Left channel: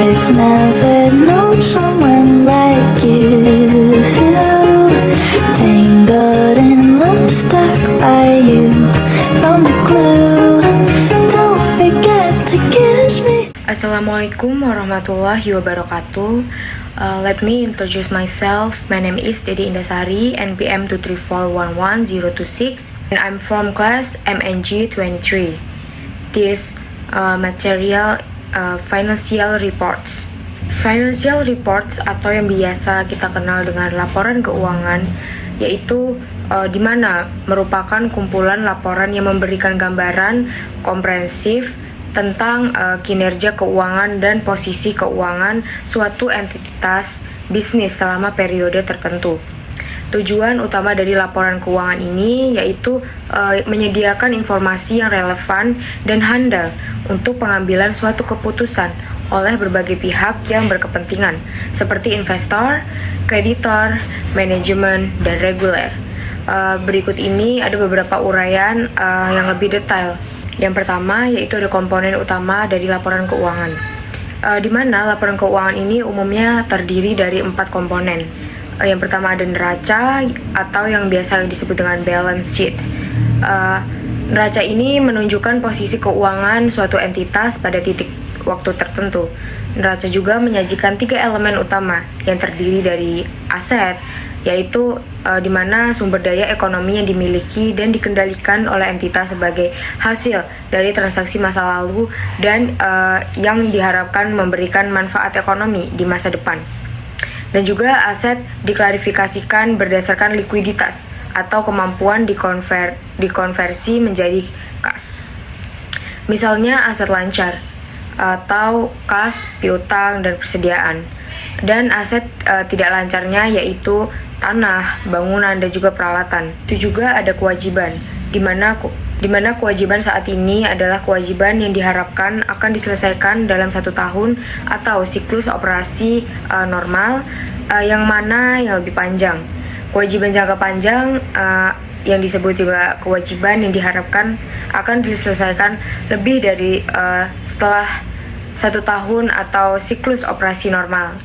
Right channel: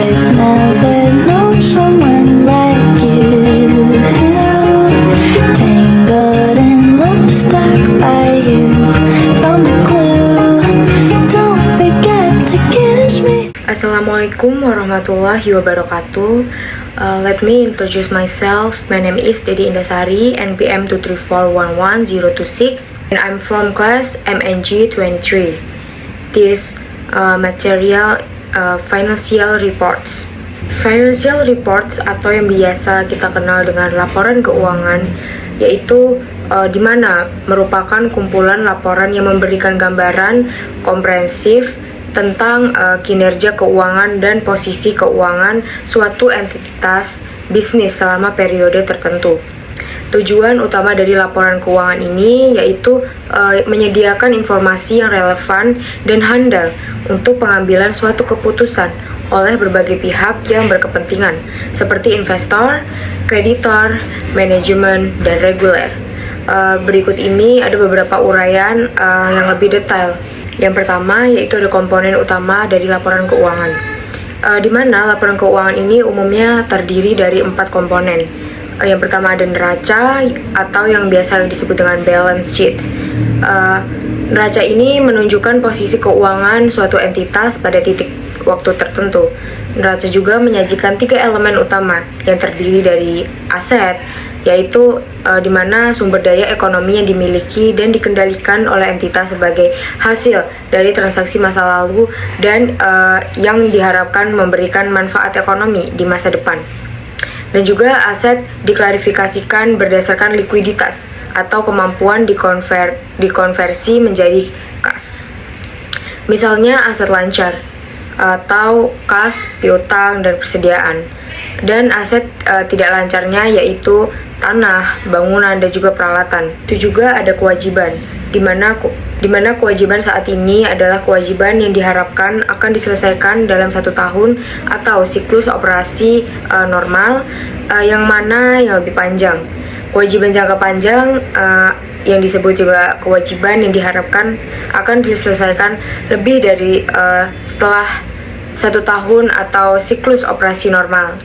I've never known someone like you, tangled in love, stuck by you, found a clue, don't forget to kiss me. Assalamualaikum warahmatullahi wabarakatuh. Let me introduce myself. My name is Dedi Indasari, NPM 234111026, and I'm from class MNG 23. This material financial reports. Financial reports atau yang biasa kita kenal dengan laporan keuangan, yaitu di mana merupakan kumpulan laporan yang memberikan gambaran komprehensif tentang kinerja keuangan dan posisi keuangan suatu entitas bisnis selama periode tertentu. Tujuan utama dari laporan keuangan ini yaitu menyediakan informasi yang relevan dan handal untuk pengambilan suatu keputusan oleh berbagai pihak yang berkepentingan, seperti investor, kreditor, manajemen, dan reguler. Berikut ini ada beberapa uraian yang lebih detail. Yang pertama yaitu ada komponen utama dari laporan keuangan, di mana laporan keuangan ini umumnya terdiri dari 4 komponen. Yang pertama ada neraca atau yang biasa disebut dengan balance sheet. Neraca ini menunjukkan posisi keuangan suatu entitas pada titik waktu tertentu. Neraca juga menyajikan 3 elemen utama yang terdiri dari aset, yaitu di mana sumber daya ekonomi yang dimiliki dan dikendalikan oleh entitas sebagai hasil dari transaksi masa lalu dan yang diharapkan memberikan manfaat ekonomi di masa depan. Dan juga aset diklarifikasikan berdasarkan likuiditas atau kemampuan dikonversi menjadi kas. Misalnya aset lancar atau kas, piutang, dan persediaan. Dan aset tidak lancarnya yaitu tanah, bangunan, dan juga peralatan. Itu juga ada kewajiban, di mana kewajiban saat ini adalah kewajiban yang diharapkan akan diselesaikan dalam 1 tahun atau siklus operasi normal, yang mana yang lebih panjang. Kewajiban jangka panjang yang disebut juga kewajiban yang diharapkan akan diselesaikan lebih dari setelah 1 tahun atau siklus operasi normal.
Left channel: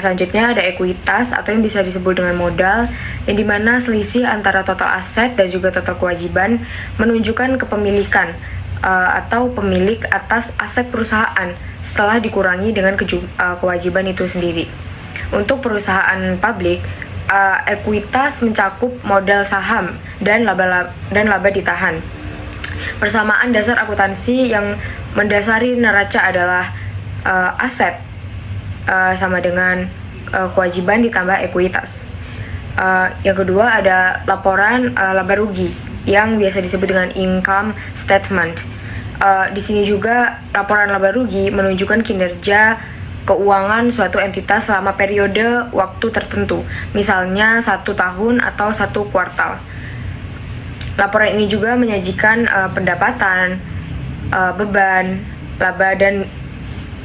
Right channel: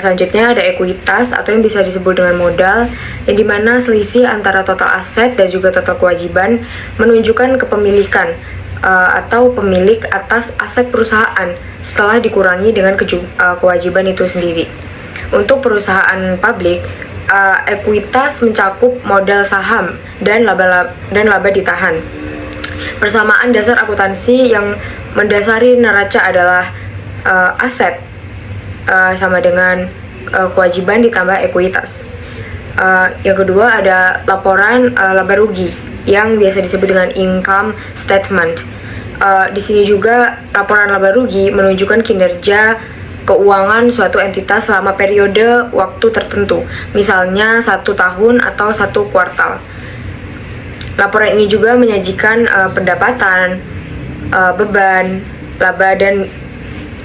Selanjutnya ada ekuitas atau yang bisa disebut dengan modal, yang dimana selisih antara total aset dan juga total kewajiban menunjukkan kepemilikan atau pemilik atas aset perusahaan setelah dikurangi dengan kewajiban itu sendiri. Untuk perusahaan publik, ekuitas mencakup modal saham dan laba ditahan. Persamaan dasar akuntansi yang mendasari neraca adalah aset sama dengan kewajiban ditambah ekuitas. Yang kedua ada laporan laba rugi yang biasa disebut dengan income statement. Di sini juga laporan laba rugi menunjukkan kinerja keuangan suatu entitas selama periode waktu tertentu, misalnya 1 tahun atau 1 kuartal. Laporan ini juga menyajikan pendapatan, beban,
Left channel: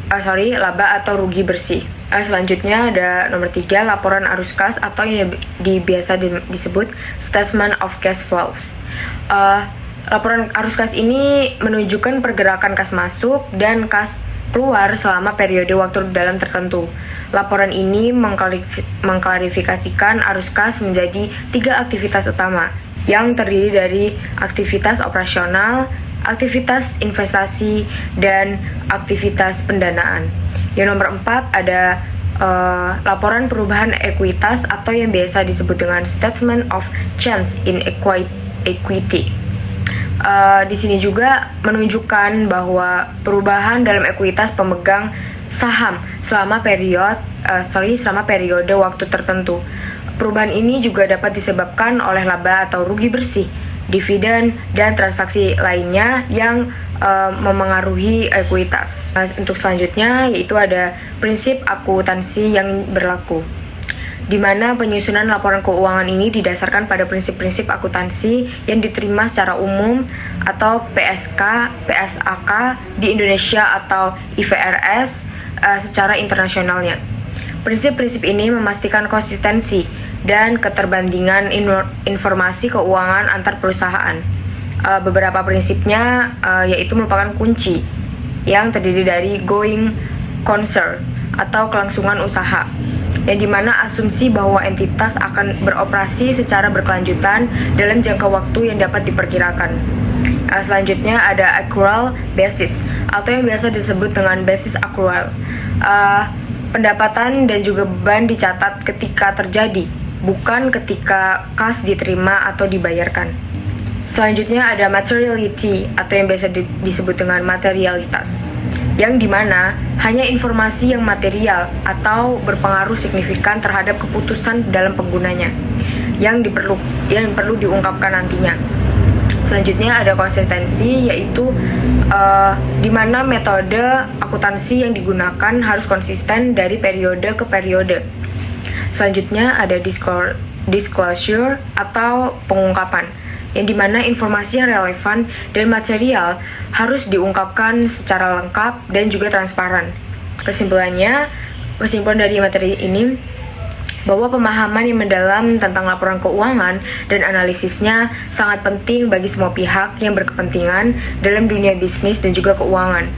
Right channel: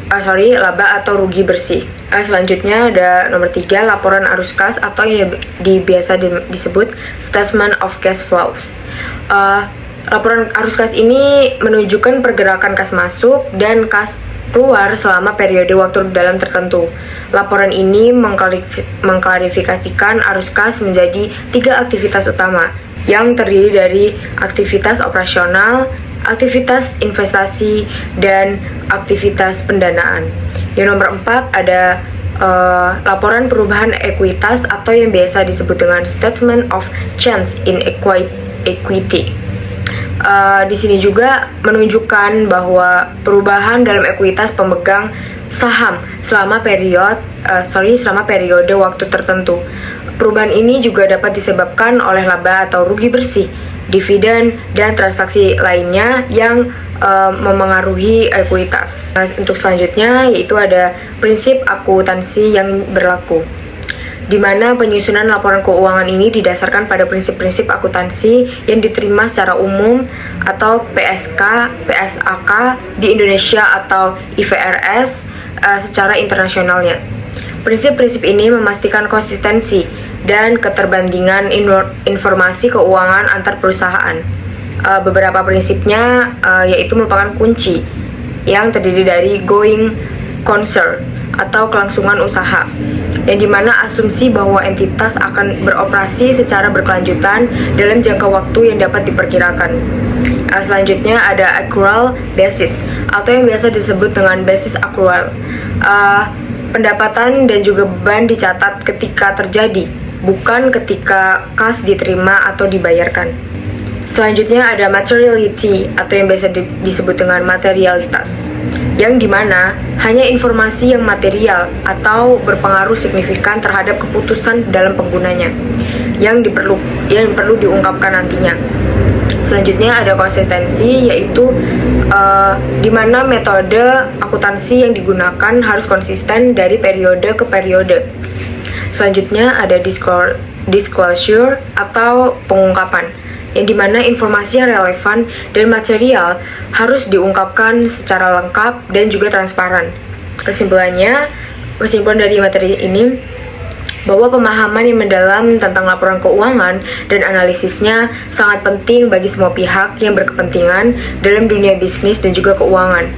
laba atau rugi bersih. Selanjutnya ada nomor 3, laporan arus kas atau yang biasa disebut statement of cash flows. Laporan arus kas ini menunjukkan pergerakan kas masuk dan kas keluar selama periode waktu dalam tertentu. Laporan ini mengklarifikasikan arus kas menjadi 3 aktivitas utama yang terdiri dari aktivitas operasional, aktivitas investasi, dan aktivitas pendanaan. Yang nomor 4 ada laporan perubahan ekuitas atau yang biasa disebut dengan statement of change in equity. Di sini juga menunjukkan bahwa perubahan dalam ekuitas pemegang saham selama periode waktu tertentu. Perubahan ini juga dapat disebabkan oleh laba atau rugi bersih, dividen, dan transaksi lainnya yang memengaruhi ekuitas. Untuk selanjutnya yaitu ada prinsip akuntansi yang berlaku, di mana penyusunan laporan keuangan ini didasarkan pada prinsip-prinsip akuntansi yang diterima secara umum atau PSK, PSAK di Indonesia atau IFRS secara internasionalnya. Prinsip-prinsip ini memastikan konsistensi dan keterbandingan informasi keuangan antar perusahaan. Beberapa prinsipnya yaitu merupakan kunci yang terdiri dari going concern atau kelangsungan usaha, yang dimana asumsi bahwa entitas akan beroperasi secara berkelanjutan dalam jangka waktu yang dapat diperkirakan. Selanjutnya ada accrual basis atau yang biasa disebut dengan basis accrual. Pendapatan dan juga beban dicatat ketika terjadi, bukan ketika kas diterima atau dibayarkan. Selanjutnya ada materiality atau yang biasa disebut dengan materialitas, yang dimana hanya informasi yang material atau berpengaruh signifikan terhadap keputusan dalam penggunanya yang perlu diungkapkan nantinya. Selanjutnya ada konsistensi, yaitu di mana metode akuntansi yang digunakan harus konsisten dari periode ke periode. Selanjutnya ada disclosure atau pengungkapan, yang dimana informasi yang relevan dan material harus diungkapkan secara lengkap dan juga transparan. Kesimpulan dari materi ini bahwa pemahaman yang mendalam tentang laporan keuangan dan analisisnya sangat penting bagi semua pihak yang berkepentingan dalam dunia bisnis dan juga keuangan.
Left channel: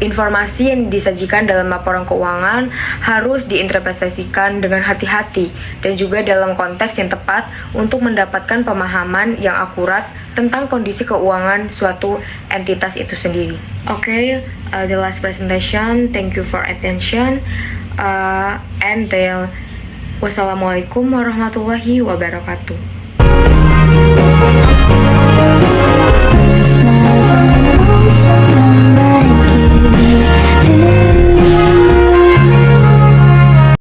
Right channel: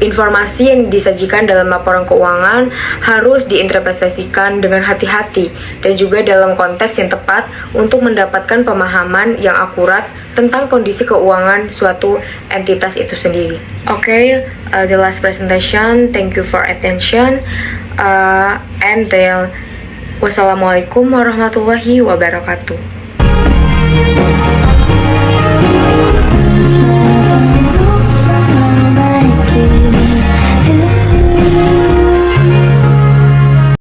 Informasi yang disajikan dalam laporan keuangan harus diinterpretasikan dengan hati-hati dan juga dalam konteks yang tepat untuk mendapatkan pemahaman yang akurat tentang kondisi keuangan suatu entitas itu sendiri. Okay, the last presentation. Thank you for attention. And wassalamualaikum warahmatullahi wabarakatuh.